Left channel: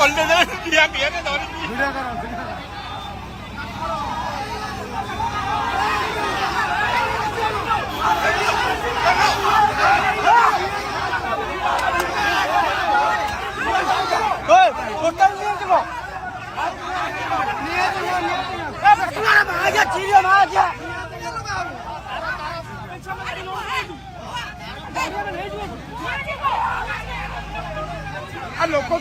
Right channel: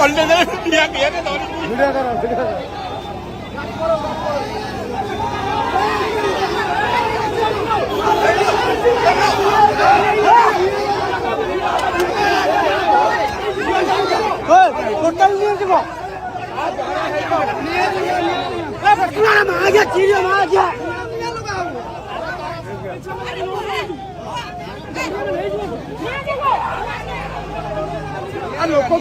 पलटे दे दिया किया ने तो वीडियो करो टोटल नहीं देखो आ गया चिड़िया में आ गया लोग को